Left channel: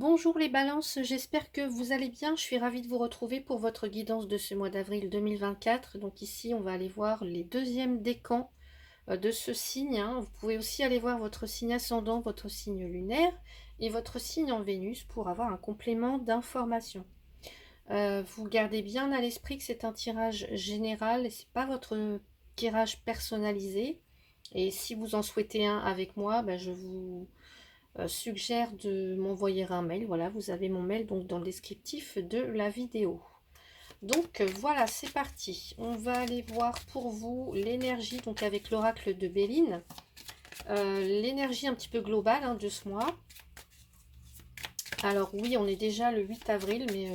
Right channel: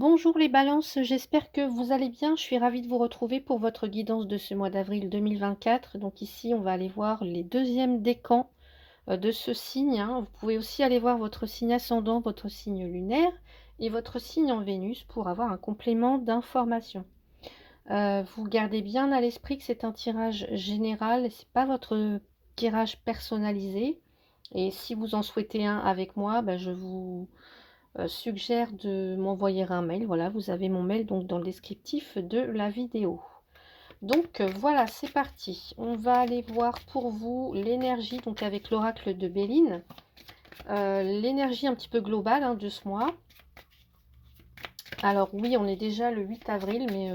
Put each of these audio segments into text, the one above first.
Bonjour les balances, j'espère que vous allez bien. Je suis ravie de vous retrouver pour votre guidance de ce mois d'avril 2024. Donc ici, on va aller voir les deuxièmes décans de ce signe, hein. Vous pouvez aussi aller voir votre signe ascendant, votre signe lunaire et votre signe en Vénus pour avoir un complément d'information. Vous gardez bien à l'esprit que c'est un tirage général, c'est pas votre tirage personnalisé. Et si vous en souhaitez un avec moi, je vous suggère de m'envoyer un mail. Voilà, vous avez mon mail donc dans le descriptif de la vidéo. Donc voilà, c'est parti. On va aller voir pour vous l'énergie, donc avec l'oracle de Béline. L'énergie un petit peu globale de ce mois. Alors oui, on est déjà le 8 avril, mais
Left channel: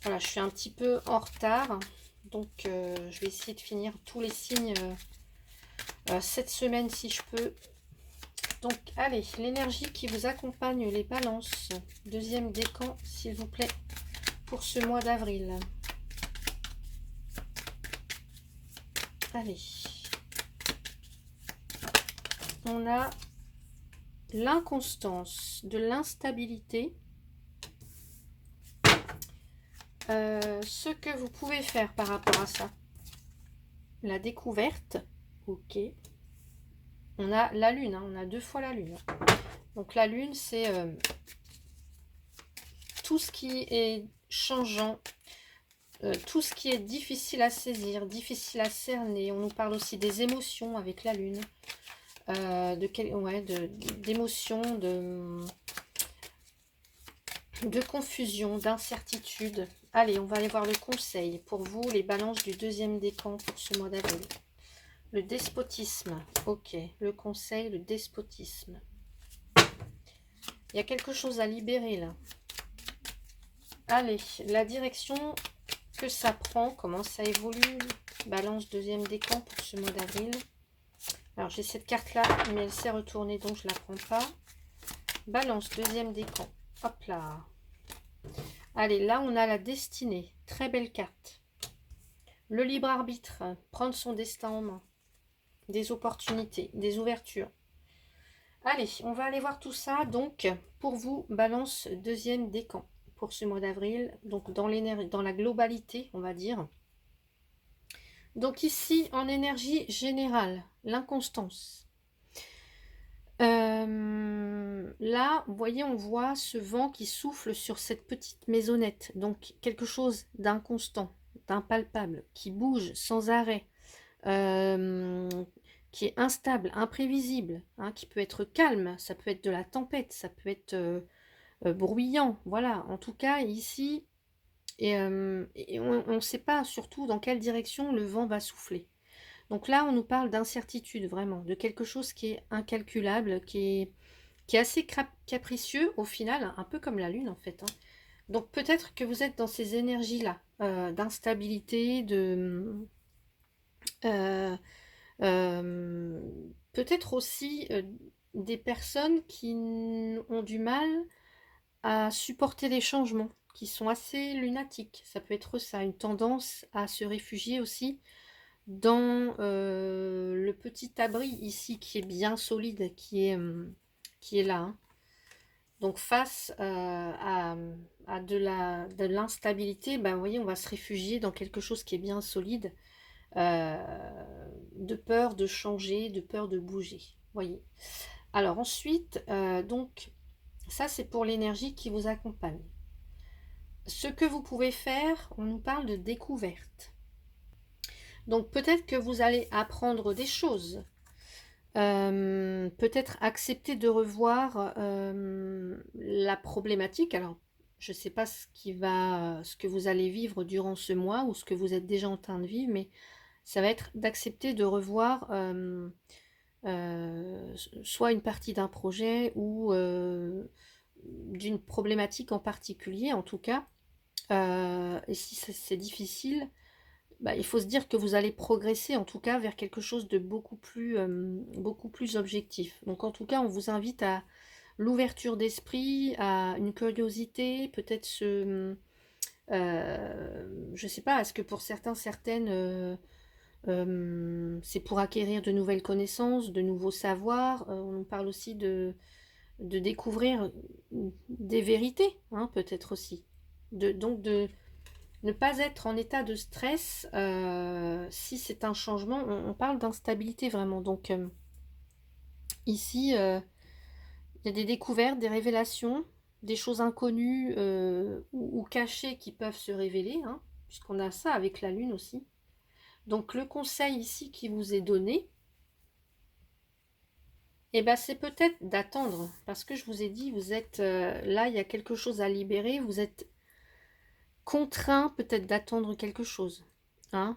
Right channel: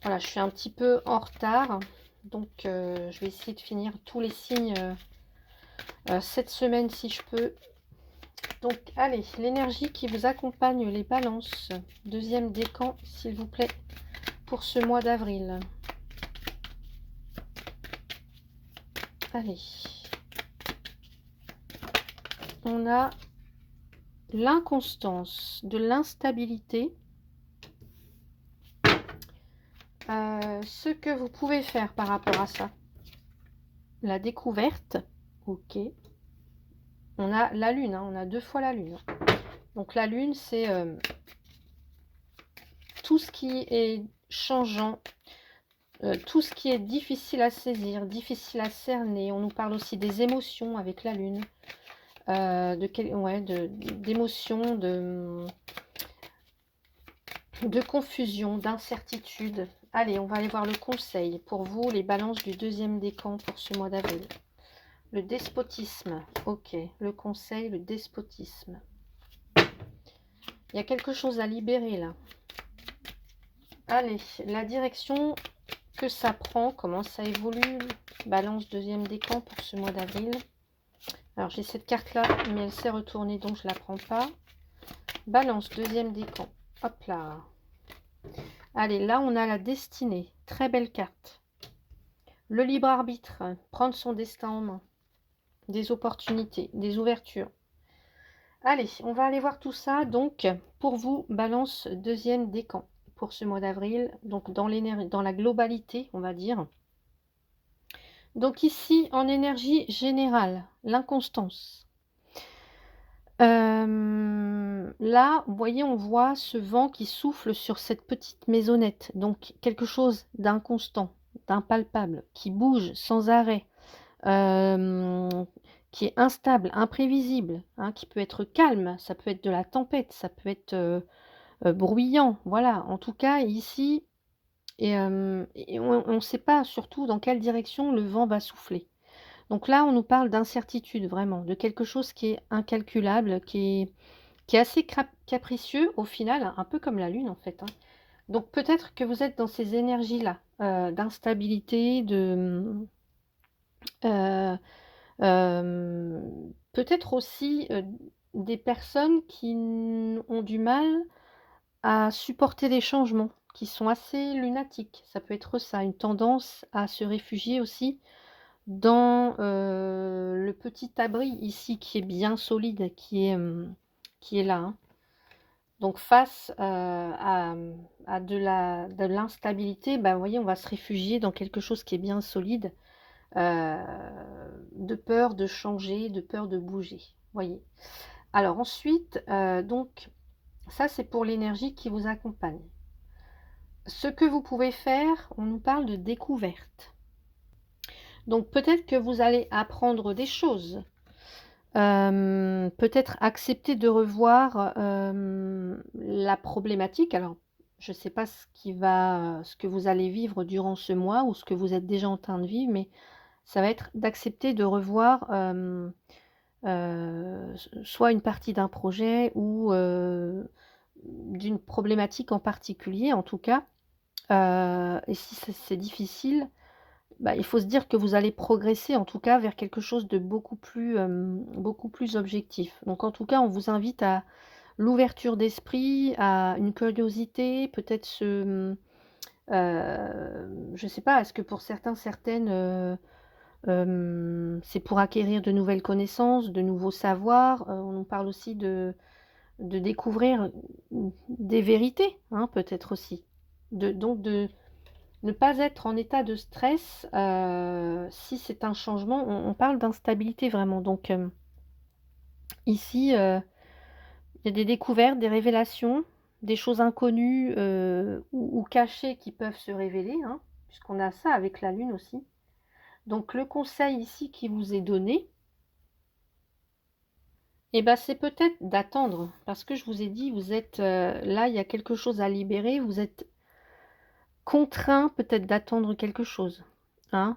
voilà, je suis un petit peu en retard. Donc je vais essayer de finir tous les signes cette semaine si je peux. Donc, allez, l'énergie qui vous accompagne, les balances. Deuxième décan, s'il vous plaît, pour ce mois d'avril. Allez. On a l'inconstance, de l'instabilité. Ce que vous pouvez faire par rapport à ça. La découverte. Ok. On a la lune, on a 2 fois la lune. Donc la lune, c'est tout ce qui est changeant, tout ce qui est difficile à saisir, difficile à cerner. On nous parle aussi des émotions avec la lune, d'émotions, de confusion, d'incertitude. Allez, on va aller voir le conseil pour vous, les balances du deuxième décan pour ce mois d'avril. Le despotisme, ok. Le conseil, le despotisme. Il y a quelque chose à libérer là. Allez, la direction que ça prend, comment ça évolue. Balance deuxième décan pour ce mois d'avril. Alors j'ai cette carte là, mais elle s'est retournée donc je la prends pas. Balance deuxième décan. Hop là. Allez, là on a la destinée. Très belle carte. Le libre arbitre, prendre son destin en main. Des opportunités, des ouvertures. Allez, on va aller voir tout ça. Donc, pour vous, balance deuxième décan pour ce mois d'avril. Donc, dans l'énergie, dans la globalité, on va dire. Donc ici, en énergie générale, l'inconstance. Là, vous voyez, on voit ce vent qui souffle sur cette petite maisonnette. Donc, quelque chose d'inconstant, d'impalpable, qui bouge sans arrêt, qui est instable, imprévisible, qui peut être calme, ça peut être de la tempête, ça peut être bruyant. Voilà, en tout cas, ici, et on ne sait pas surtout dans quelle direction le vent va souffler. Donc là, on nous parle d'incertitude, vraiment, de quelque chose qui est incalculable, qui est assez capricieux au final, un peu comme la lune en fait. Donc peut-être que vous êtes dans ces énergies-là, d'instabilité, euh, euh, peut-être aussi des personnes qui ont du mal à supporter les changements, qui sont assez lunatiques. Ça peut être ça, une tendance à se réfugier aussi dans le petit abri ici qui est bien solide, qui est là, hein. Donc face à de l'instabilité, vous voyez, on va se réfugier dans quelque chose qui est bien solide, euh, de peur de changer, de peur de bouger. Voyez. Alors ensuite, donc ça c'est pour l'énergie qui vous accompagne. Ce que vous pouvez faire, on nous parle de découverte. Donc peut-être que vous allez apprendre des choses. Peut-être accepter de revoir la problématique. Alors, je ne sais pas ce que vous allez vivre durant ce mois ou ce que vous êtes déjà en train de vivre, mais ça va être d'accepter de revoir soit une partie d'un projet ou d'une problématique en particulier, en tout cas. Et si c'est difficile, il faut se dire que vous allez progresser en tout cas vers quelque chose de beaucoup plus objectif. Donc en tout cas, on vous invite à l'ouverture d'esprit, à une curiosité, peut-être je ne sais pas, est-ce que pour certains, certaines, c'est pour acquérir de nouvelles connaissances, de nouveaux savoirs. On nous parle aussi de découvrir des vérités, hein, peut-être aussi. Donc de ne pas être en état de stress si c'est un changement. On parle d'instabilité vraiment. Donc ici, il y a des découvertes, des révélations, des choses inconnues ou cachées qui peuvent se révéler, hein, puisqu'on a ça avec la lune aussi. Donc le conseil ici qui vous est donné, eh ben, c'est peut-être d'attendre, parce que je vous ai dit, vous êtes là, il y a quelque chose à libérer, vous êtes contraint peut-être d'attendre quelque chose, hein,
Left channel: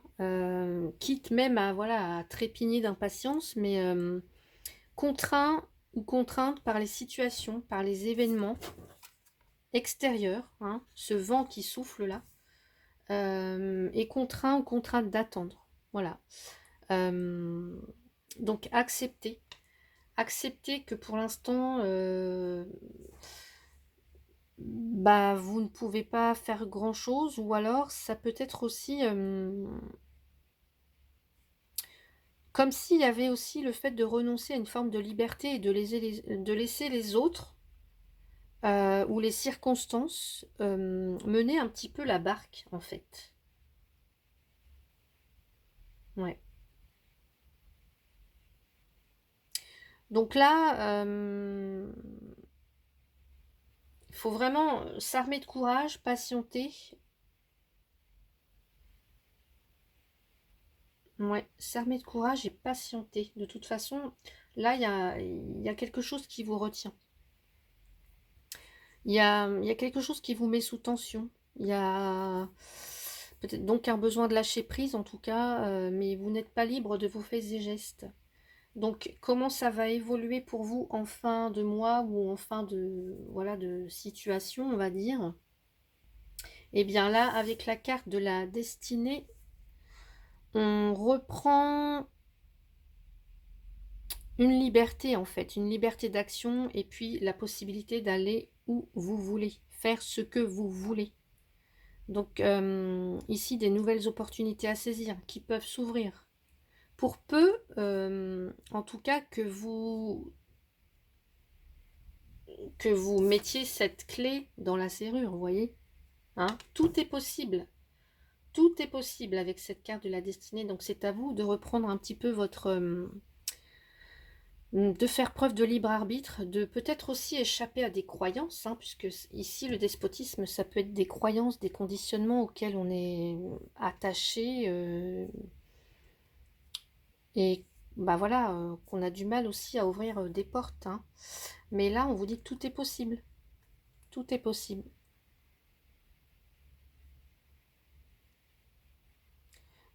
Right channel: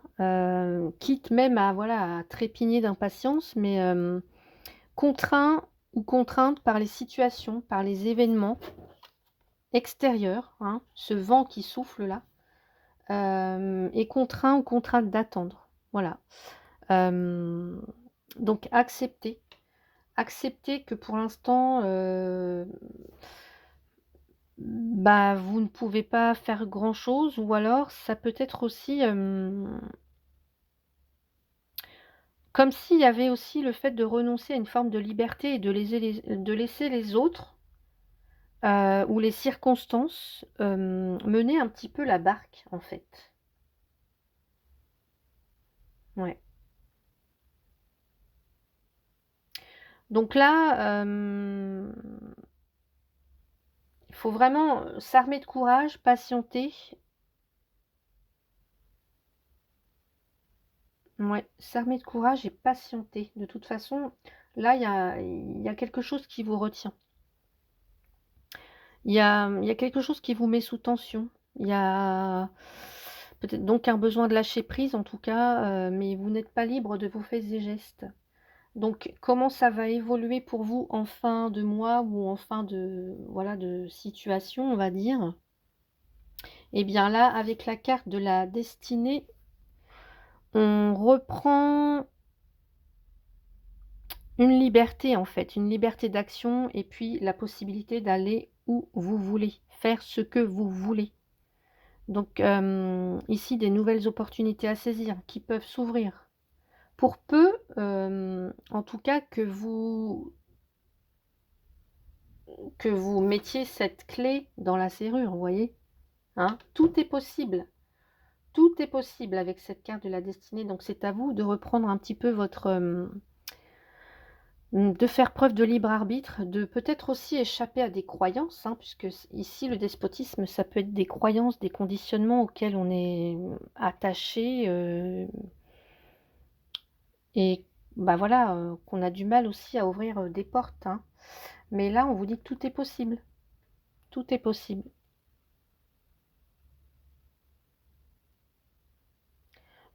quitte même à, voilà, à trépigner d'impatience, mais contraint ou contrainte par les situations, par les événements extérieurs, hein, ce vent qui souffle là, est contraint ou contrainte d'attendre, voilà. Donc accepter que pour l'instant, bah, vous ne pouvez pas faire grand-chose, ou alors ça peut être aussi comme s'il y avait aussi le fait de renoncer à une forme de liberté et de laisser les autres ou les circonstances mener un petit peu la barque, en fait. Ouais. Donc là, il faut vraiment s'armer de courage, patienter. Ouais, s'armer de courage et patienter. De toute façon, là, il y a quelque chose qui vous retient. Il y a quelque chose qui vous met sous tension. Il y a peut-être donc un besoin de lâcher prise, en tout cas, mais vous n'êtes pas libre de vos faits et gestes. Donc, comment ça va évoluer pour vous en fin de mois ou en fin de, voilà, de situation, on va dire? Eh bien là, avec la carte de la destinée, on reprend une liberté en fait, une liberté d'action et puis la possibilité d'aller où vous voulez, faire ce que vous voulez. Donc ici, des nouvelles opportunités à saisir qui peuvent s'ouvrir. Pour peu, en tout cas, que vous mettiez cette clé dans la serrure, vous voyez, hein, tout est possible. Tout est possible avec cette carte de la destinée. Donc c'est à vous de reprendre un petit peu votre... de faire preuve de libre arbitre, de peut-être aussi échapper à des croyances, hein, puisque ici le despotisme, ça peut être des croyances, des conditionnements auxquels on est attaché et bah voilà, qu'on a du mal aussi à ouvrir des portes, hein. Mais là, on vous dit que tout est possible. Tout est possible.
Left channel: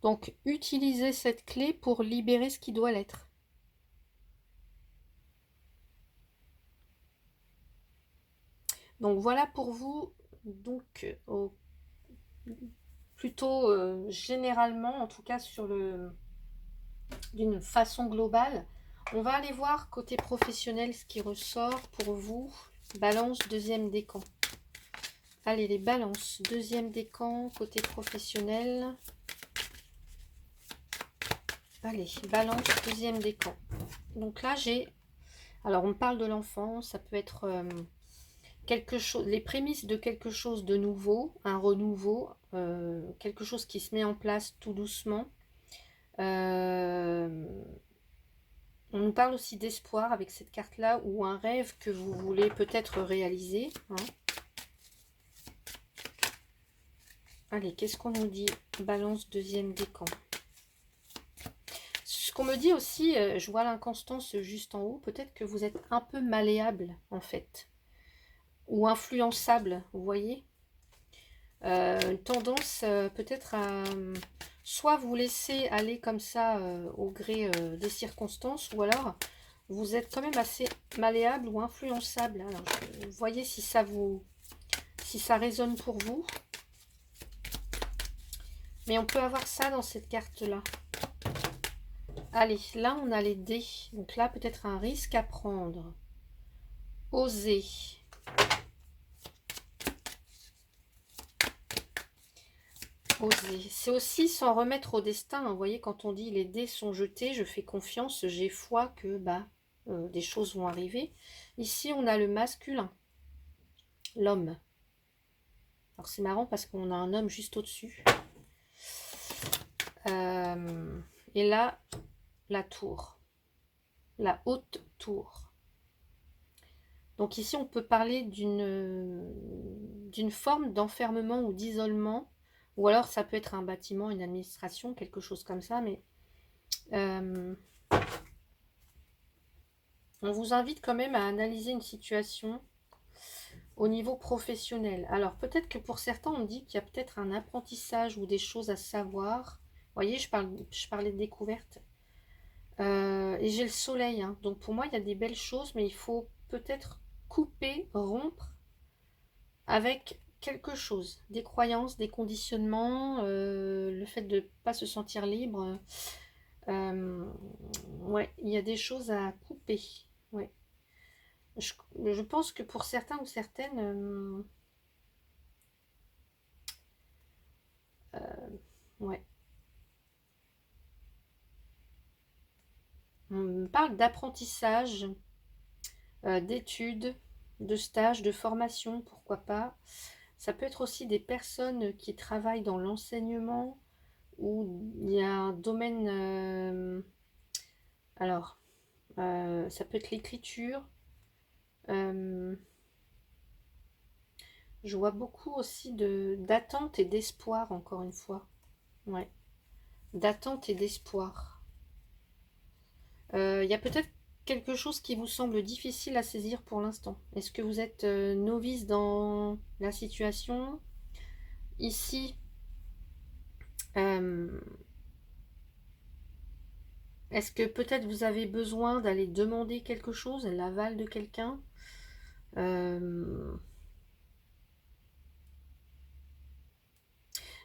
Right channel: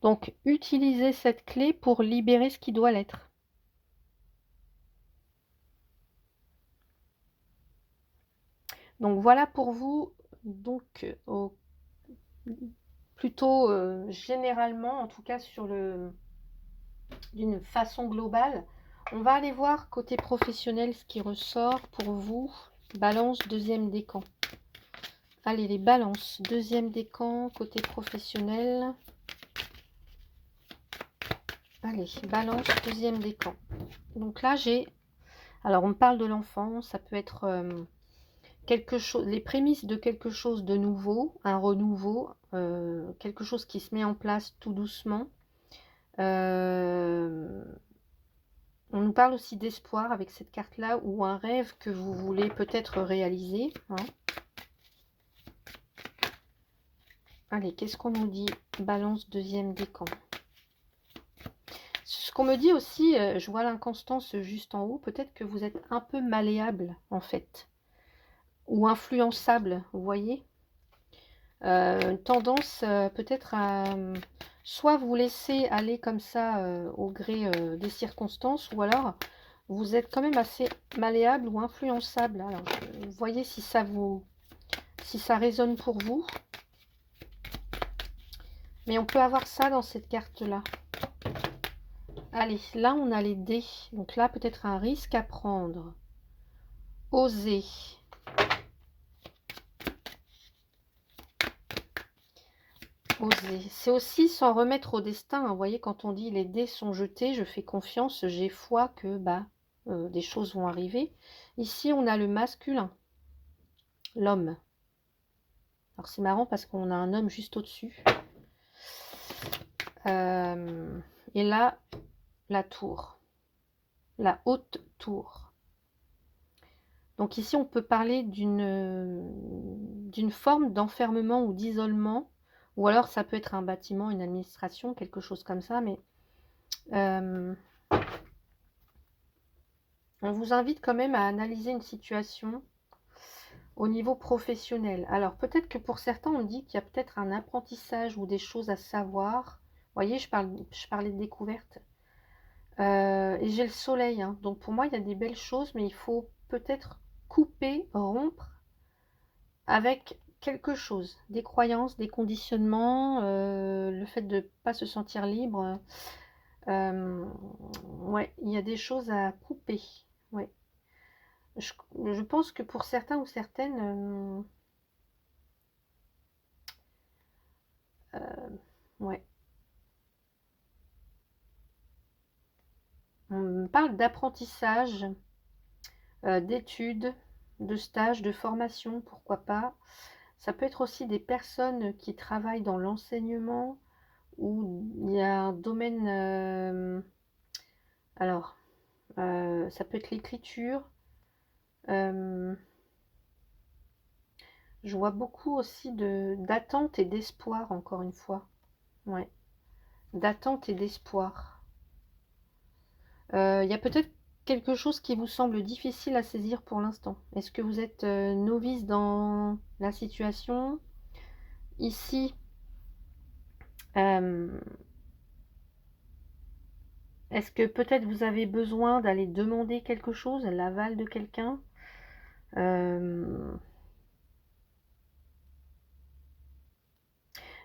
Donc, utilisez cette clé pour libérer ce qui doit l'être. Donc, voilà pour vous. Donc, plutôt généralement, en tout cas d'une façon globale. On va aller voir côté professionnel ce qui ressort pour vous. Balance, deuxième décan. Allez, les balances, deuxième décan, côté professionnel. Allez, balance, deuxième décan. Donc là, j'ai... Alors, on parle de l'enfant, ça peut être quelque chose, les prémices de quelque chose de nouveau, un renouveau, quelque chose qui se met en place tout doucement. On nous parle aussi d'espoir avec cette carte-là, ou un rêve que vous voulez peut-être réaliser, hein. Allez, qu'est-ce qu'on nous dit? Balance, deuxième décan. Ce qu'on me dit aussi, je vois l'inconstance juste en haut, peut-être que vous êtes un peu malléable en fait, ou influençable, vous voyez, une tendance peut-être à soit vous laisser aller comme ça au gré des circonstances, ou alors vous êtes quand même assez malléable ou influençable. Alors, vous voyez si ça résonne pour vous. Mais on peut avoir ça dans cette carte-là. Allez, là, on a les dés. Donc là, peut-être un risque à prendre. Oser. Oser. C'est aussi s'en remettre au destin, hein. Vous voyez, quand on dit les dés sont jetés, je fais confiance, j'ai foi que bah, des choses vont arriver. Ici, on a le masculin, l'homme. Alors, c'est marrant parce qu'on a un homme juste au-dessus. Et là, la tour, la haute tour. Donc ici, on peut parler d'une forme d'enfermement ou d'isolement, ou alors ça peut être un bâtiment, une administration, quelque chose comme ça, mais on vous invite quand même à analyser une situation au niveau professionnel. Alors peut-être que pour certains, on dit qu'il y a peut-être un apprentissage ou des choses à savoir. Vous voyez, je parlais de découverte. Et j'ai le soleil, hein. Donc pour moi, il y a des belles choses, mais il faut peut-être couper, rompre avec quelque chose, des croyances, des conditionnements, le fait de ne pas se sentir libre. Ouais, il y a des choses à couper. Ouais. Je pense que pour certains ou certaines, ouais. On parle d'apprentissage, d'études, de stages, de formation, pourquoi pas. Ça peut être aussi des personnes qui travaillent dans l'enseignement, où il y a un domaine... alors, ça peut être l'écriture. Je vois beaucoup aussi d'attente et d'espoir, encore une fois. Ouais, d'attente et d'espoir. Il y a peut-être quelque chose qui vous semble difficile à saisir pour l'instant. Est-ce que vous êtes novice dans la situation? Ici, est-ce que peut-être vous avez besoin d'aller demander quelque chose, l'aval de quelqu'un?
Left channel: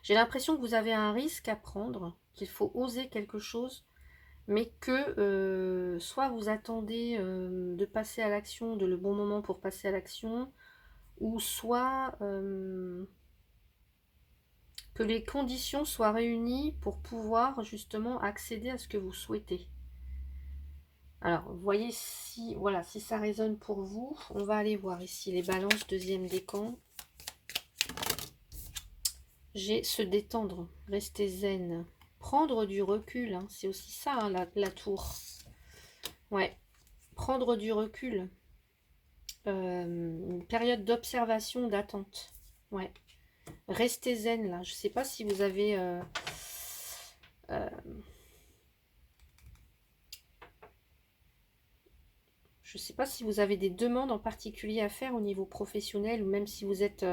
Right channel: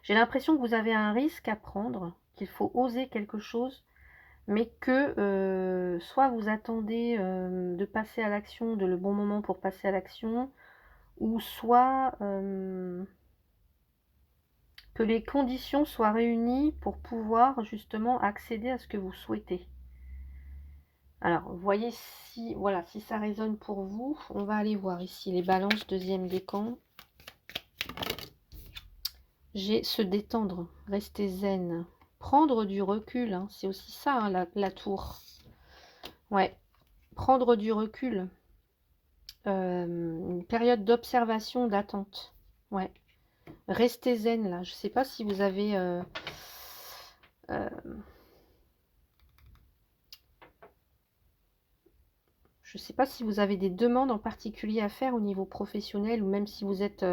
J'ai l'impression que vous avez un risque à prendre, qu'il faut oser quelque chose, mais que soit vous attendez de passer à l'action, de le bon moment pour passer à l'action, ou soit que les conditions soient réunies pour pouvoir justement accéder à ce que vous souhaitez. Alors, voyez si, voilà, si ça résonne pour vous. On va aller voir ici les balances, deuxième décan. J'ai se détendre, rester zen, prendre du recul, hein, c'est aussi ça, hein, la tour. Ouais, prendre du recul. Une période d'observation, d'attente. Ouais, rester zen là. Je sais pas si vous avez... je sais pas si vous avez des demandes en particulier à faire au niveau professionnel, ou même si vous êtes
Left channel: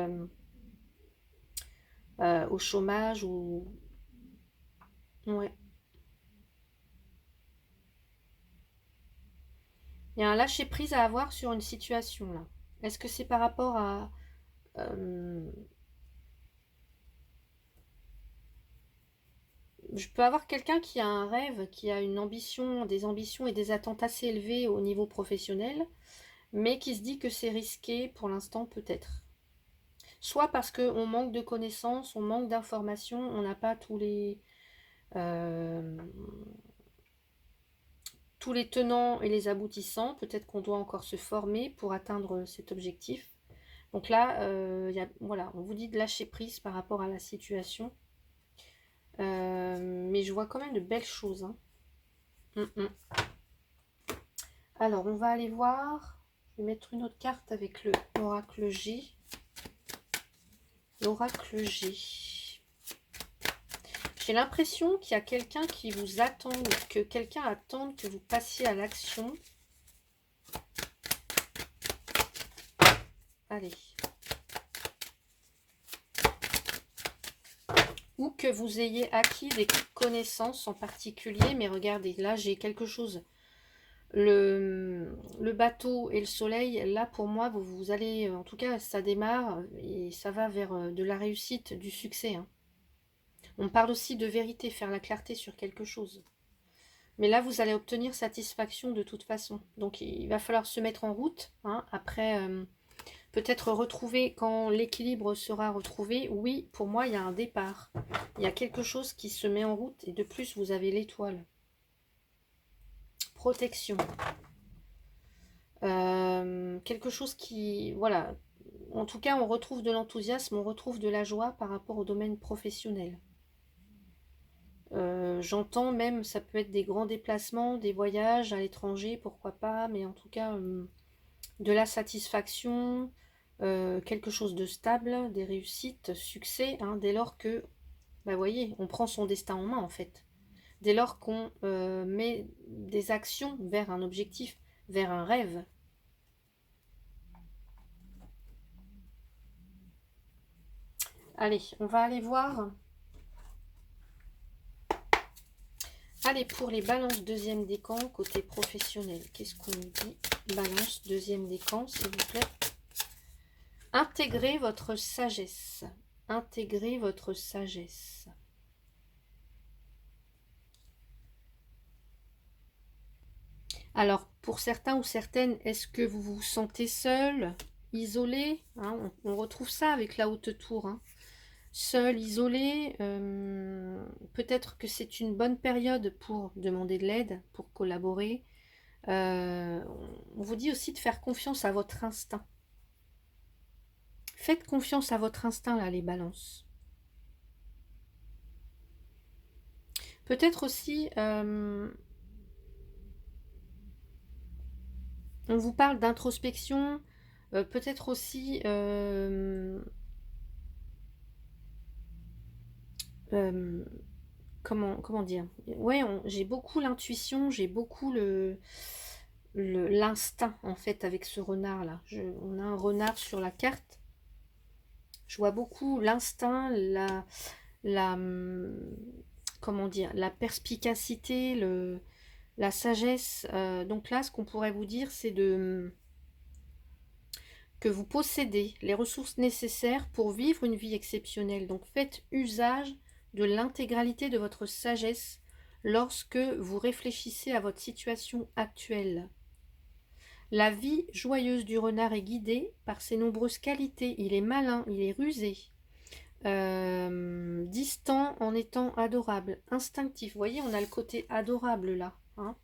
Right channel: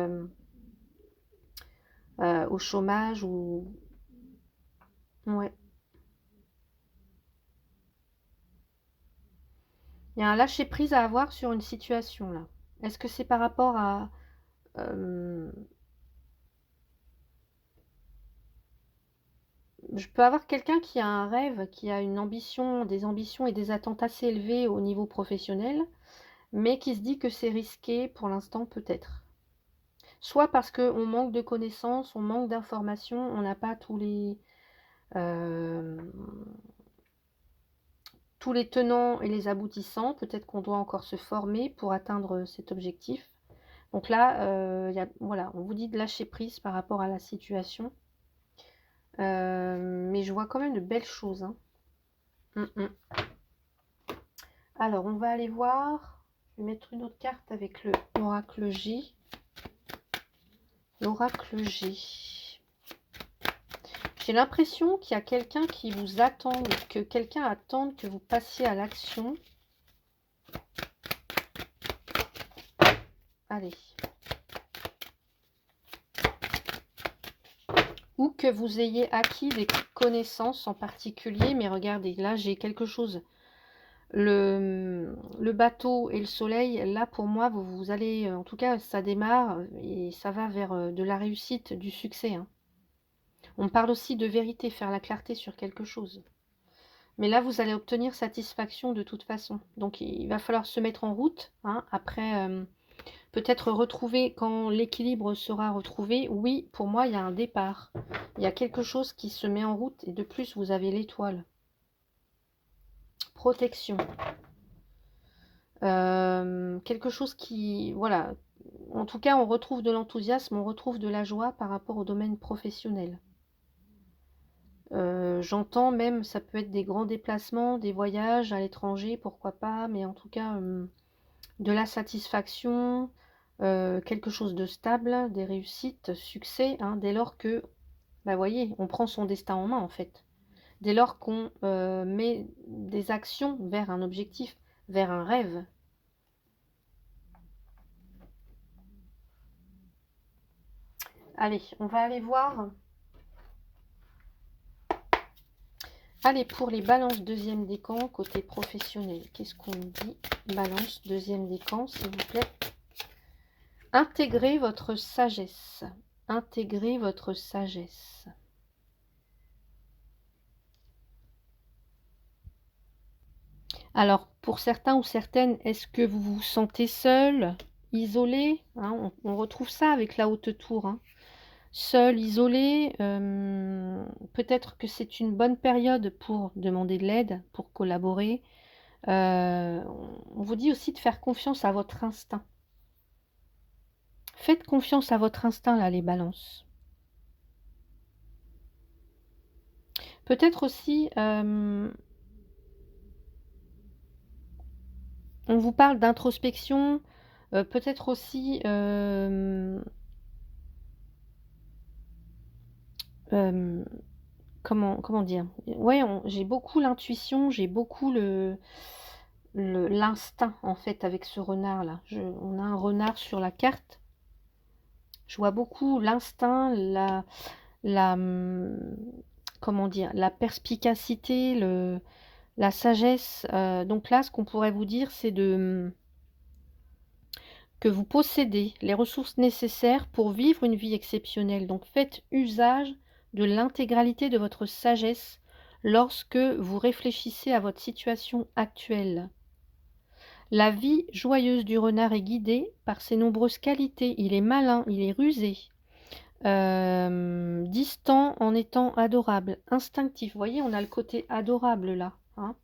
au chômage ou... Ouais. Il y a un lâcher-prise à avoir sur une situation là. Est-ce que c'est par rapport à... je peux avoir quelqu'un qui a un rêve, qui a une ambition, des ambitions et des attentes assez élevées au niveau professionnel, mais qui se dit que c'est risqué pour l'instant peut-être. Soit parce qu'on manque de connaissances, on manque d'informations, on n'a pas euh, tous les tenants et les aboutissants. Peut-être qu'on doit encore se former pour atteindre cet objectif. Donc là, voilà, on vous dit de lâcher prise par rapport à la situation. Mais je vois quand même de belles choses. Hein. Alors, on va aller voir. Je vais mettre une autre carte avec l'oracle G. L'oracle G. J'ai l'impression qu'il y a quelqu'un qui vous attend, que quelqu'un attend que vous passiez à l'action. Allez. Ou que vous ayez acquis des connaissances en particulier. Mais regardez, là, j'ai quelque chose. Le bateau et le soleil, là, pour moi, vous allez... En tout cas, ça démarre et ça va vers de la réussite, du succès. Hein. On parle aussi de vérité, faire la clarté sur quelque chose. Mais là, vous allez obtenir satisfaction de toute façon. Donc, il va falloir se mettre en route. Hein. Après, peut-être retrouver, quand l'équilibre sera retrouvé, oui, pour moi, il y a un départ. Il y a quelque chose qui se met en route. Et de plus, vous avez l'étoile. Protection. Quelque chose qui, voilà, en tout cas, on retrouve de l'enthousiasme, on retrouve de la joie par rapport au domaine professionnel. J'entends même, ça peut être des grands déplacements, des voyages à l'étranger, pourquoi pas, mais en tout cas, de la satisfaction, quelque chose de stable, des réussites, succès, hein, dès lors que, bah, vous voyez, on prend son destin en main en fait. Dès lors qu'on met des actions vers un objectif, vers un rêve. Allez, on va aller voir. Allez, pour les balances deuxième décan, côté professionnel, qu'est-ce qu'on dit? Balance deuxième décan, s'il vous plaît. Intégrez votre sagesse. Intégrez votre sagesse. Alors, pour certains ou certaines, est-ce que vous vous sentez seul, isolé, hein, on retrouve ça avec la haute tour. Hein. Seul, isolé, peut-être que c'est une bonne période pour demander de l'aide, pour collaborer. On vous dit aussi de faire confiance à votre instinct. Faites confiance à votre instinct, là, les balances. Peut-être aussi, on vous parle d'introspection, peut-être aussi, comment dire? Ouais, j'ai beaucoup l'intuition, j'ai beaucoup l'instinct, en fait, avec ce renard-là. On a un renard sur la carte. Je vois beaucoup l'instinct, comment dire, la perspicacité, la sagesse. Donc là, ce qu'on pourrait vous dire, c'est que vous possédez les ressources nécessaires pour vivre une vie exceptionnelle. Donc faites usage de l'intégralité de votre sagesse lorsque vous réfléchissez à votre situation actuelle. La vie joyeuse du renard est guidée par ses nombreuses qualités. Il est malin, il est rusé, distant en étant adorable, instinctif. Vous voyez, on a le côté adorable là. Hein.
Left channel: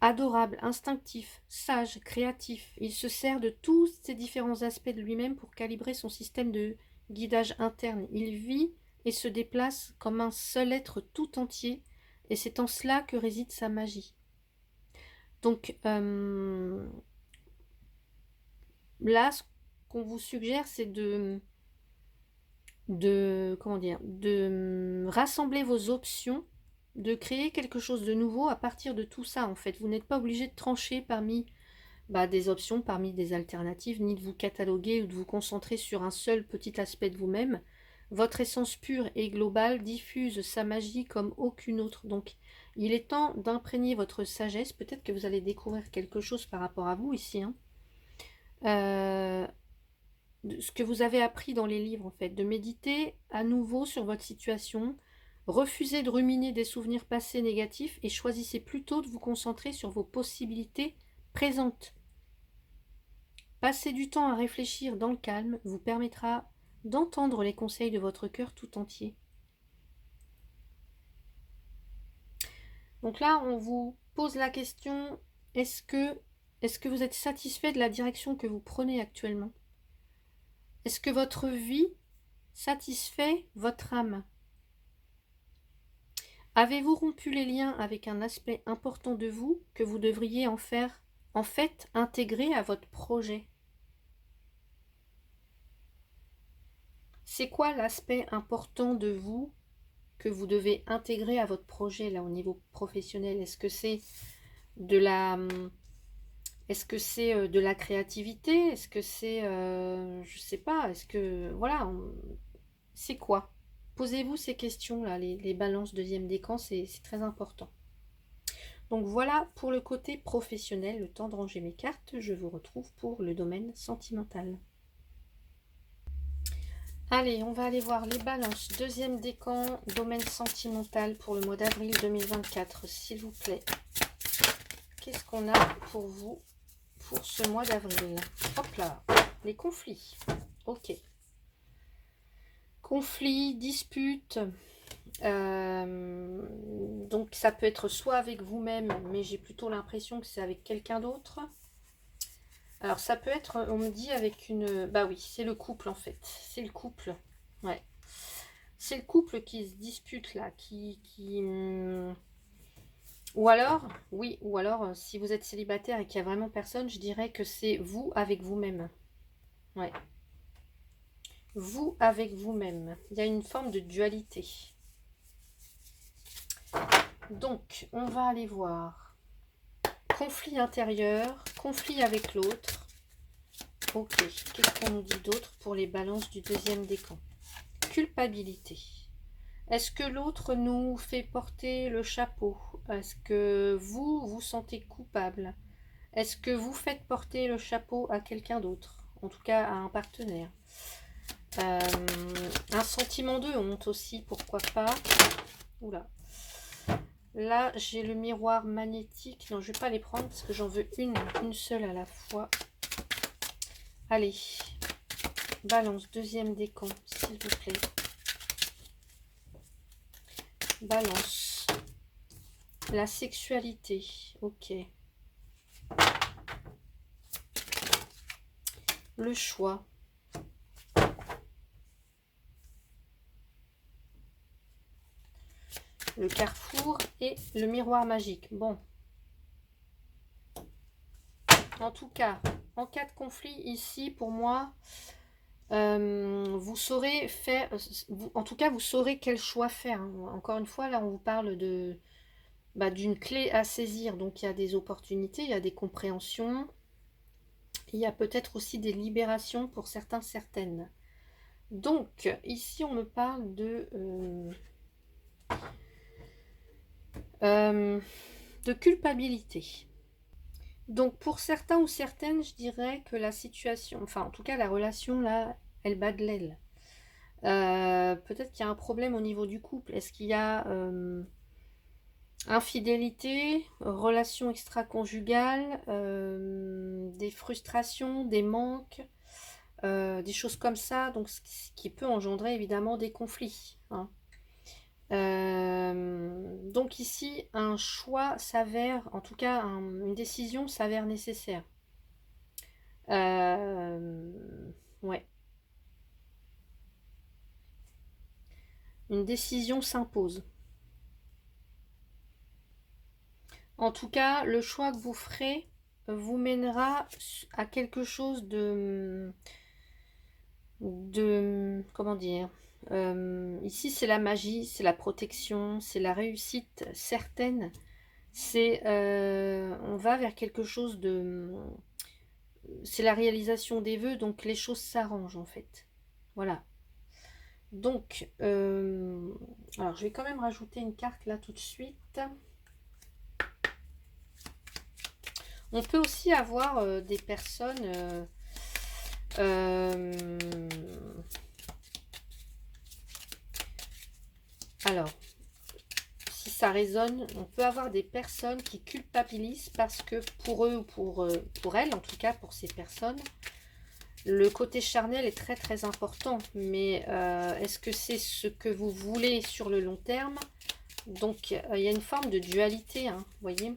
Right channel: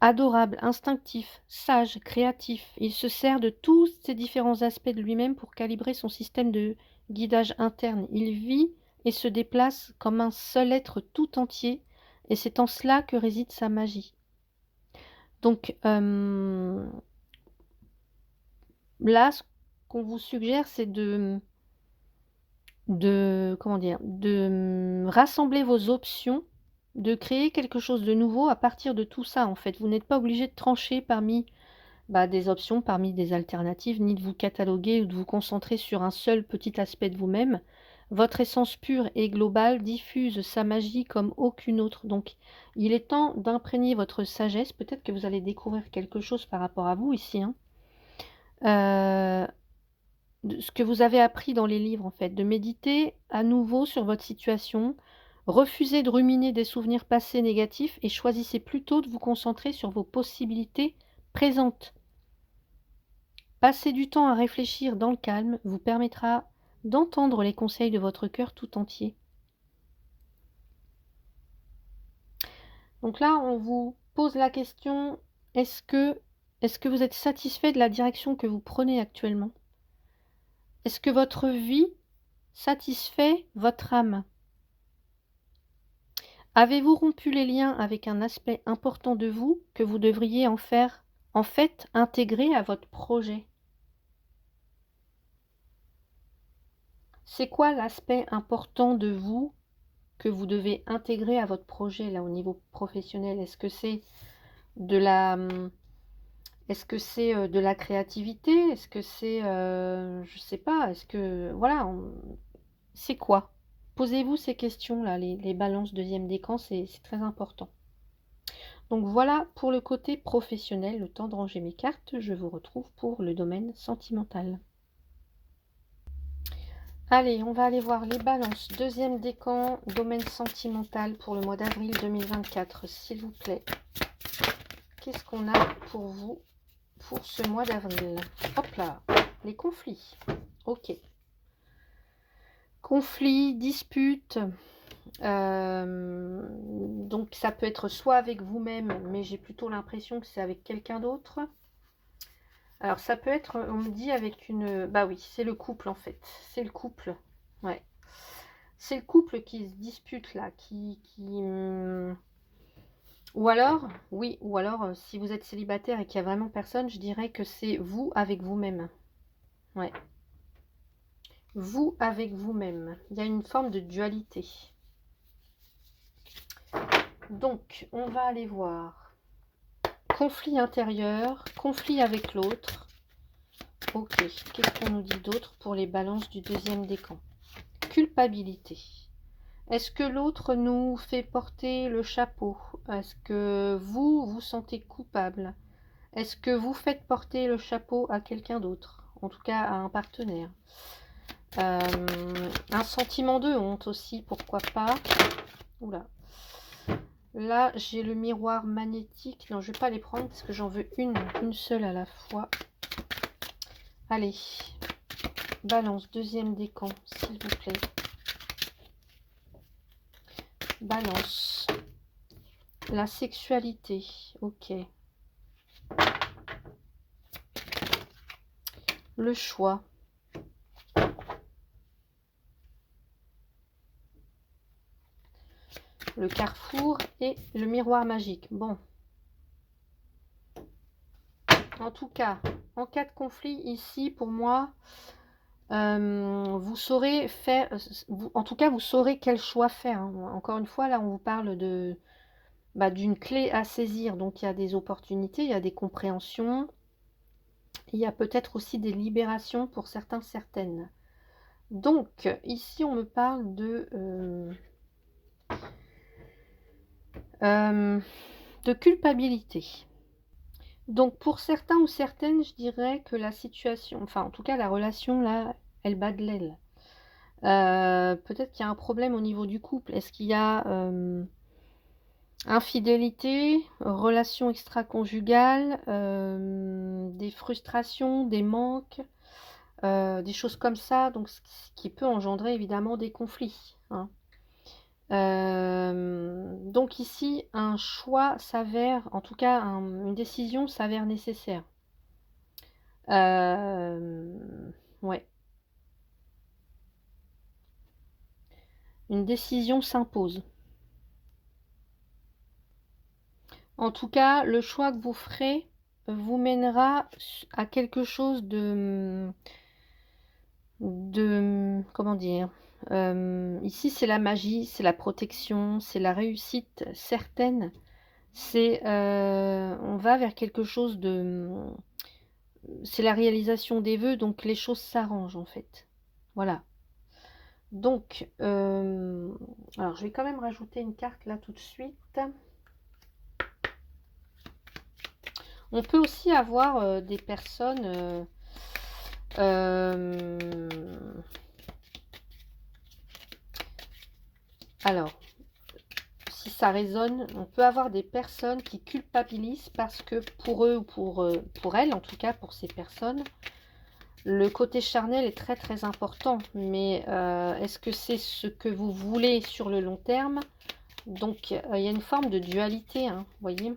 Adorable, instinctif, sage, créatif. Il se sert de tous ces différents aspects de lui-même pour calibrer son système de guidage interne. Il vit et se déplace comme un seul être tout entier, et c'est en cela que réside sa magie. Donc là, ce qu'on vous suggère, c'est comment dire, de rassembler vos options, de créer quelque chose de nouveau à partir de tout ça, en fait. Vous n'êtes pas obligé de trancher parmi des options, parmi des alternatives, ni de vous cataloguer ou de vous concentrer sur un seul petit aspect de vous-même. Votre essence pure et globale diffuse sa magie comme aucune autre. Donc, il est temps d'imprégner votre sagesse. Peut-être que vous allez découvrir quelque chose par rapport à vous ici. Hein. Ce que vous avez appris dans les livres, en fait. De méditer à nouveau sur votre situation. Refusez de ruminer des souvenirs passés négatifs et choisissez plutôt de vous concentrer sur vos possibilités présentes. Passer du temps à réfléchir dans le calme vous permettra d'entendre les conseils de votre cœur tout entier. Donc là, on vous pose la question, est-ce que vous êtes satisfait de la direction que vous prenez actuellement? Est-ce que votre vie satisfait votre âme? Avez-vous rompu les liens avec un aspect important de vous que vous devriez en fait intégrer à votre projet? C'est quoi l'aspect important de vous que vous devez intégrer à votre projet là au niveau professionnel? Est-ce que c'est de la de la créativité? Est-ce que c'est je sais pas, est-ce que voilà, c'est quoi? Posez-vous ces questions là, les balances deuxième décan, c'est très important. Donc voilà pour le côté professionnel, le temps de ranger mes cartes, je vous retrouve pour le domaine sentimental. Allez, on va aller voir les balances. Deuxième décan, domaine sentimental pour le mois d'avril 2024, s'il vous plaît. Qu'est-ce qu'on a pour vous pour ce mois d'avril? Hop là, les conflits. Ok. Conflits, disputes, Donc ça peut être soit avec vous-même, mais j'ai plutôt l'impression que c'est avec quelqu'un d'autre. Alors ça peut être, on me dit avec une... Bah oui, c'est le couple en fait. C'est le couple. Ouais. C'est le couple qui se dispute là, ou alors, oui, ou alors si vous êtes célibataire et qu'il n'y a vraiment personne, je dirais que c'est vous avec vous-même. Ouais. Vous avec vous-même. Il y a une forme de dualité. Donc, on va aller voir. Conflit intérieur, conflit avec l'autre. Ok, qu'est-ce qu'on nous dit d'autre pour les balances du deuxième décan? Culpabilité. Est-ce que l'autre nous fait porter le chapeau? Est-ce que vous vous sentez coupable? Est-ce que vous faites porter le chapeau à quelqu'un d'autre? En tout cas, à un partenaire. Un sentiment de honte aussi, pourquoi pas. Oula. Là, j'ai le miroir magnétique. Non, je ne vais pas les prendre parce que j'en veux une seule à la fois. Allez, balance, deuxième décan, s'il vous plaît. Balance. La sexualité, ok. Le choix. Le carrefour et le miroir magique. Bon. En tout cas, en cas de conflit ici, pour moi, vous saurez faire... en tout cas, vous saurez quel choix faire. Hein. Encore une fois, là, on vous parle de d'une clé à saisir. Donc, il y a des opportunités, il y a des compréhensions. Il y a peut-être aussi des libérations pour certains, certaines. Donc, ici, on me parle de culpabilité. Donc, pour certains ou certaines, je dirais que la situation, enfin, en tout cas, la relation, là, elle bat de l'aile. Peut-être qu'il y a un problème au niveau du couple. Est-ce qu'il y a infidélité, relation extra-conjugale, des frustrations, des manques, des choses comme ça, donc ce qui peut engendrer évidemment des conflits. Hein. Donc ici, un choix s'avère, en tout cas une décision s'avère nécessaire. Ouais. Une décision s'impose. En tout cas, le choix que vous ferez vous mènera à quelque chose comment dire, ici c'est la magie, c'est la protection, c'est la réussite certaine, c'est on va vers quelque chose c'est la réalisation des vœux, donc les choses s'arrangent en fait, voilà. Donc alors je vais quand même rajouter une carte là tout de suite. On peut aussi avoir des personnes alors, si ça résonne, on peut avoir des personnes qui culpabilisent parce que pour eux ou pour elles, en tout cas pour ces personnes, le côté charnel est très très important. Mais est-ce que c'est ce que vous voulez sur le long terme? Donc il y a une forme de dualité, hein, vous voyez.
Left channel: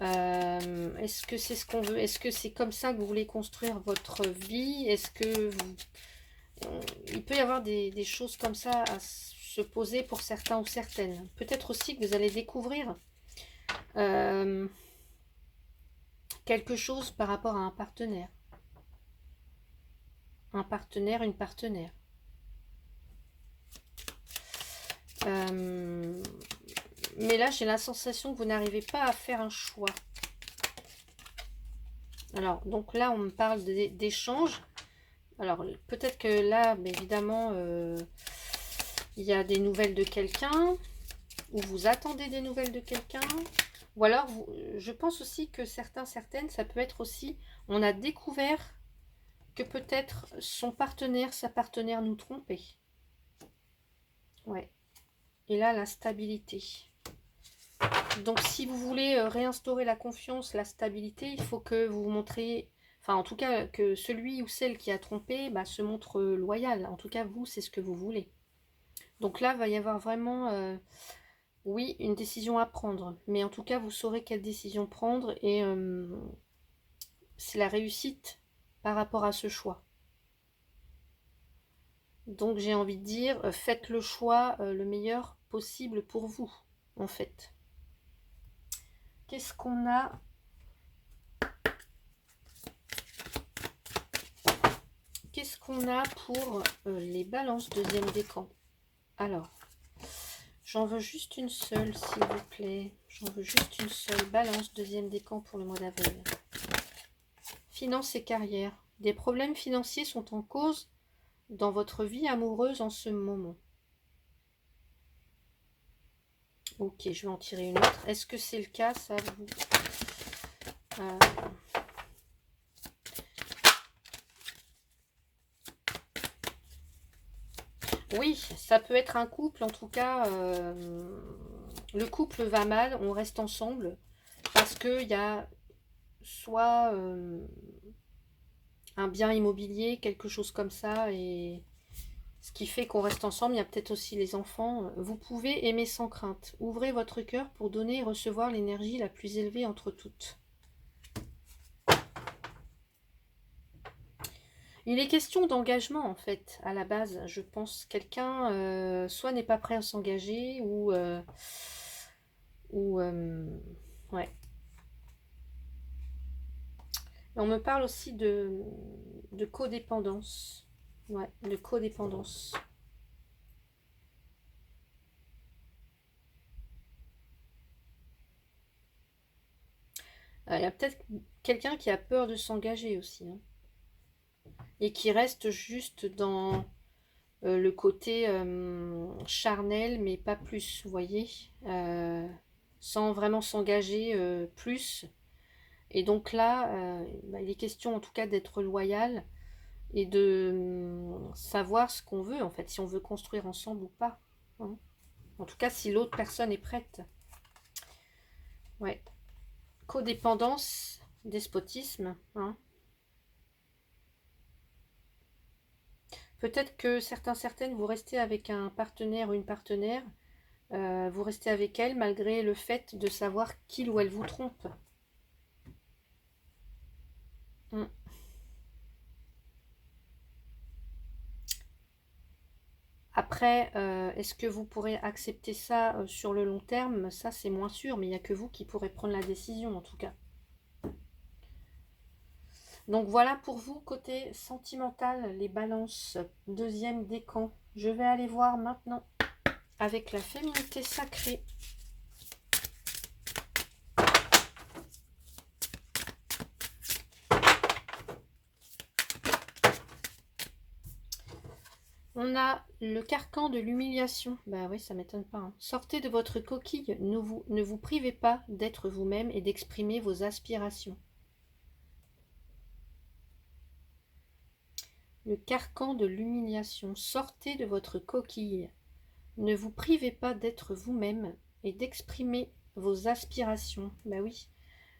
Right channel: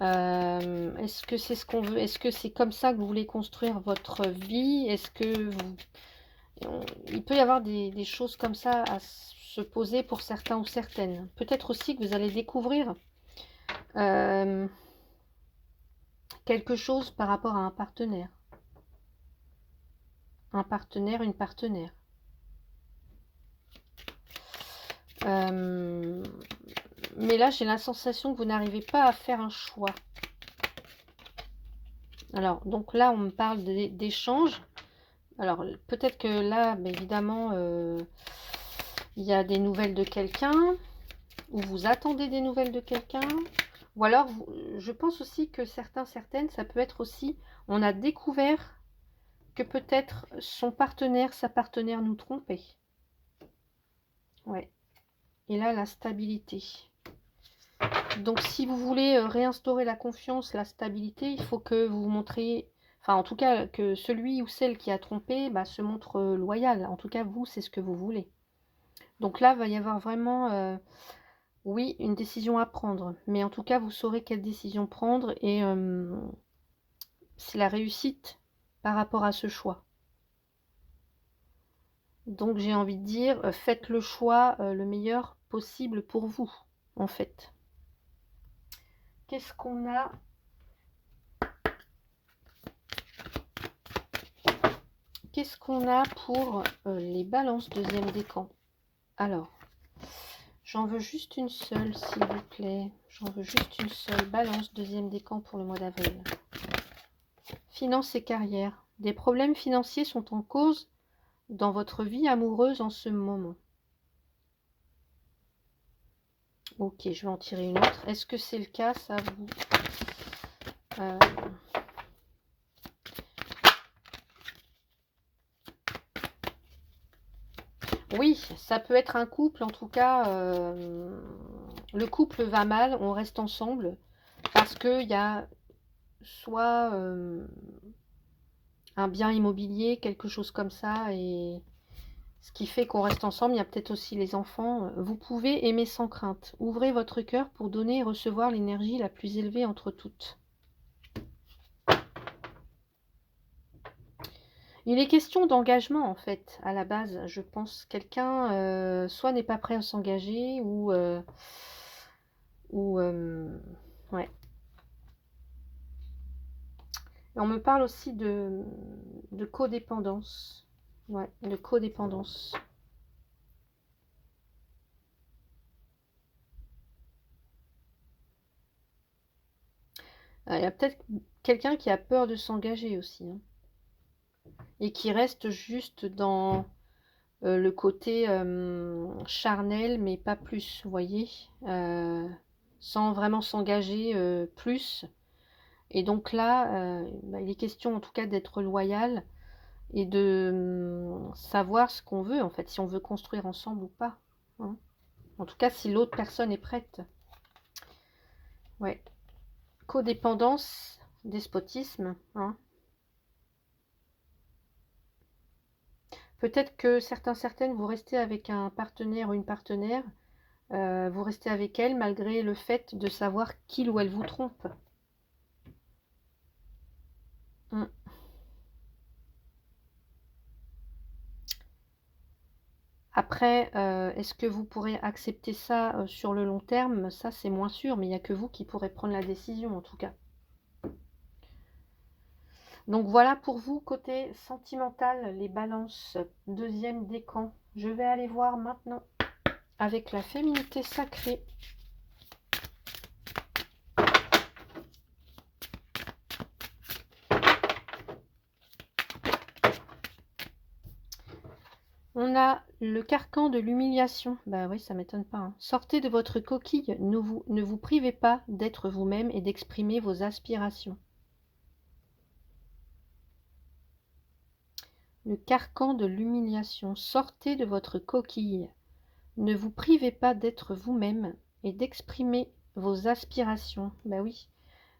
Est-ce que c'est ce qu'on veut? Est-ce que c'est comme ça que vous voulez construire votre vie? Est-ce que vous... Il peut y avoir des choses comme ça à se poser pour certains ou certaines. Peut-être aussi que vous allez découvrir quelque chose par rapport à un partenaire. Un partenaire, une partenaire. Mais là, j'ai la sensation que vous n'arrivez pas à faire un choix. Alors, donc là, on me parle d'échange. Alors, peut-être que là, évidemment, il y a des nouvelles de quelqu'un, ou vous attendez des nouvelles de quelqu'un, ou alors, je pense aussi que certaines, ça peut être aussi, on a découvert que peut-être son partenaire, sa partenaire nous trompait. Ouais. Et là, la stabilité. Donc, si vous voulez réinstaurer la confiance, la stabilité, il faut que vous montriez, enfin, en tout cas, que celui ou celle qui a trompé se montre loyal. En tout cas, vous, c'est ce que vous voulez. Donc là, il va y avoir vraiment, oui, une décision à prendre. Mais en tout cas, vous saurez quelle décision prendre et c'est la réussite par rapport à ce choix. Donc j'ai envie de dire, faites le choix le meilleur possible pour vous, en fait. Qu'est-ce qu'on a? Qu'est-ce qu'on a pour les balances deuxième décan? Alors, j'en veux juste une seule, s'il vous plaît. J'en veux juste une seule. Balance deuxième décan pour le mois d'avril. Finances et carrière. Des problèmes financiers sont en cause dans votre vie amoureuse en ce moment. Ok, je vais en tirer une autre. Est-ce que c'est le cas, ça vous... Oui, ça peut être un couple, en tout cas, le couple va mal, on reste ensemble, parce qu'il y a soit un bien immobilier, quelque chose comme ça, et ce qui fait qu'on reste ensemble. Il y a peut-être aussi les enfants. Vous pouvez aimer sans crainte. Ouvrez votre cœur pour donner et recevoir l'énergie la plus élevée entre toutes. Il est question d'engagement, en fait, à la base. Je pense quelqu'un soit n'est pas prêt à s'engager ouais. Et on me parle aussi de codépendance. Ouais, de codépendance. Il y a peut-être quelqu'un qui a peur de s'engager aussi. Hein, et qui reste juste dans le côté charnel, mais pas plus, vous voyez, sans vraiment s'engager plus. Et donc là, il est question en tout cas d'être loyal et de savoir ce qu'on veut, en fait, si on veut construire ensemble ou pas. Hein. En tout cas, si l'autre personne est prête. Ouais. Codépendance, despotisme. Hein. Peut-être que certaines, vous restez avec un partenaire ou une partenaire, vous restez avec elle malgré le fait de savoir qu'il ou elle vous trompe. Mm. Après, est-ce que vous pourrez accepter ça sur le long terme? Ça, c'est moins sûr, mais il n'y a que vous qui pourrez prendre la décision, en tout cas. Donc voilà pour vous, côté sentimental, les balances, deuxième décan. Je vais aller voir maintenant avec la féminité sacrée. On a le carcan de l'humiliation. Bah oui, ça m'étonne pas. Hein. Sortez de votre coquille. Ne vous privez pas d'être vous-même et d'exprimer vos aspirations. Le carcan de l'humiliation. Sortez de votre coquille. Ne vous privez pas d'être vous-même et d'exprimer vos aspirations. Bah oui.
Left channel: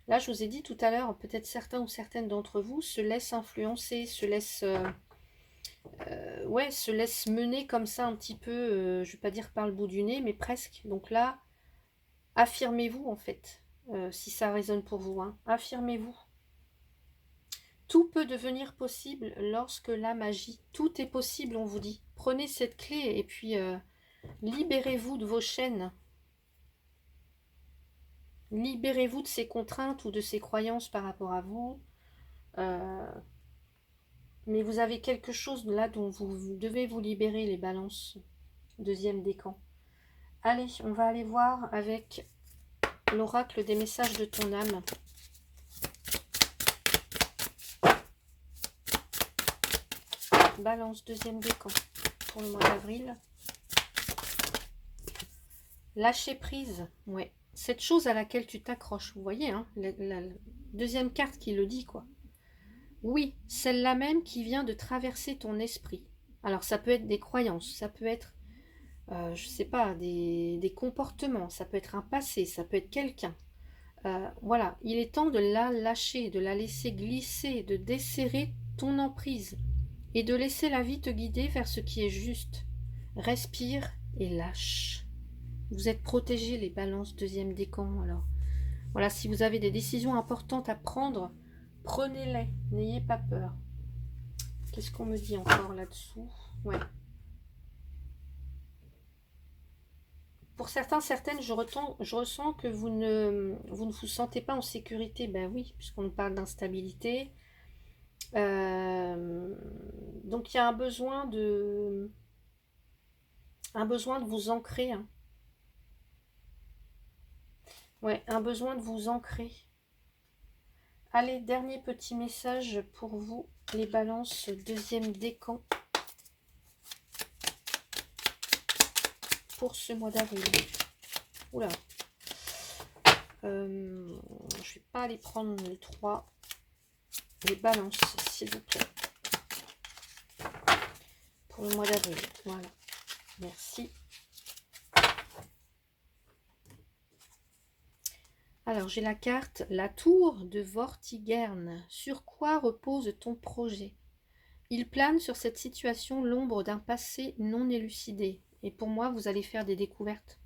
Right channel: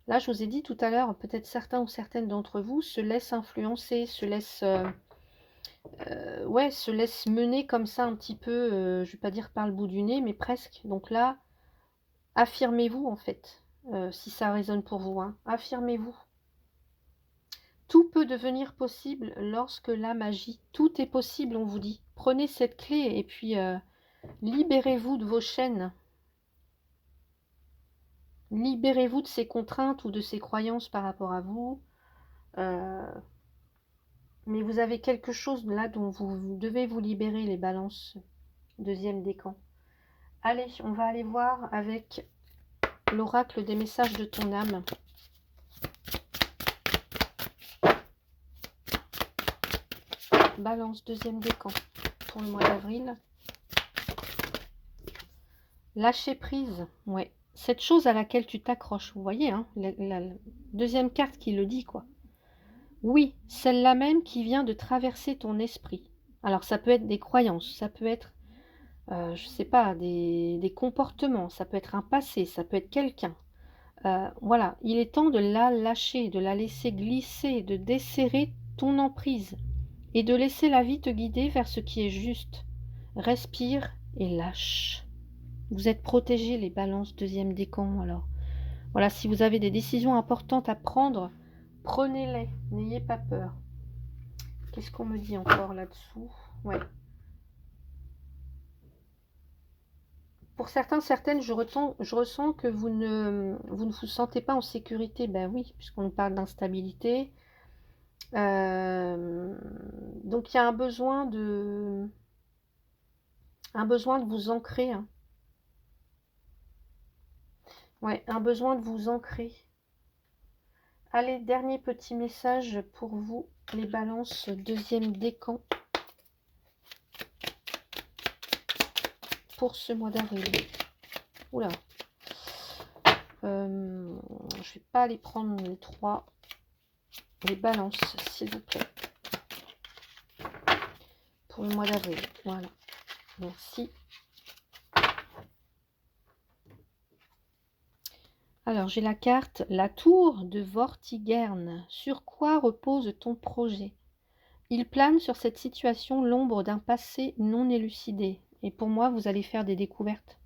Là, je vous ai dit tout à l'heure, peut-être certains ou certaines d'entre vous se laissent influencer, se laissent... ouais, se laisse mener comme ça un petit peu, je vais pas dire par le bout du nez, mais presque. Donc là, affirmez-vous en fait, si ça résonne pour vous. Hein. Affirmez-vous. Tout peut devenir possible lorsque l'âme agit. Tout est possible, on vous dit. Prenez cette clé et puis libérez-vous de vos chaînes. Libérez-vous de ces contraintes ou de ces croyances par rapport à vous. Mais vous avez quelque chose là dont vous devez vous libérer, les balances. Deuxième décan. Allez, on va aller voir avec l'oracle des messages de ton âme. Balance, deuxième décan pour le mois d'avril. Lâcher prise, ouais. Cette chose à laquelle tu t'accroches, vous voyez, hein, la deuxième carte qui le dit, quoi. Oui, celle-là même qui vient de traverser ton esprit. Alors, ça peut être des croyances, ça peut être, je sais pas, des comportements, ça peut être un passé, ça peut être quelqu'un. Voilà, il est temps de la lâcher, de la laisser glisser, de desserrer ton emprise et de laisser la vie te guider vers ce qui est juste. Respire et lâche. Vous êtes protégés, les balances, deuxième décan. Alors, voilà, si vous avez des décisions importantes à prendre, prenez-les, n'ayez pas peur. Qu'est-ce qu'on me dit encore là-dessous? Ouais. Pour certains, certaines, je ressens que vous ne vous sentez pas en sécurité. Ben oui, puisqu'on nous parle d'instabilité. Donc il y a un besoin de vous ancrer. Hein. Ouais, un besoin de vous ancrer. Allez, dernier petit message pour vous, les balances, deuxième décan. Pour ce mois d'avril. Oula. Je vais pas aller prendre les 3. Les balances, s'il vous plaît. Pour le mois d'avril. Voilà. Merci. Alors, j'ai la carte, la tour de Vortigern. Sur quoi repose ton projet? Il plane sur cette situation l'ombre d'un passé non élucidé. Et pour moi, vous allez faire des découvertes.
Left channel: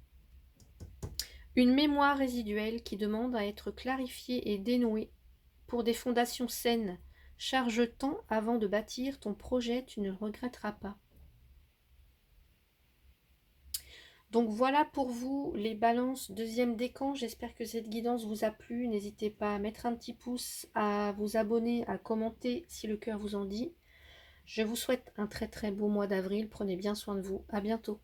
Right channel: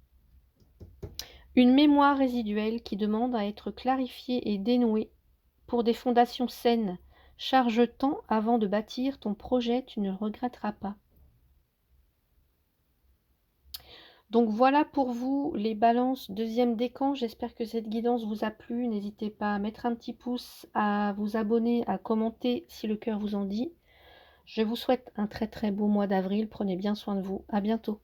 Une mémoire résiduelle qui demande à être clarifiée et dénouée pour des fondations saines. Charge temps avant de bâtir ton projet, tu ne le regretteras pas. Donc voilà pour vous les balances deuxième décan. J'espère que cette guidance vous a plu. N'hésitez pas à mettre un petit pouce, à vous abonner, à commenter si le cœur vous en dit. Je vous souhaite un très très beau mois d'avril. Prenez bien soin de vous. À bientôt.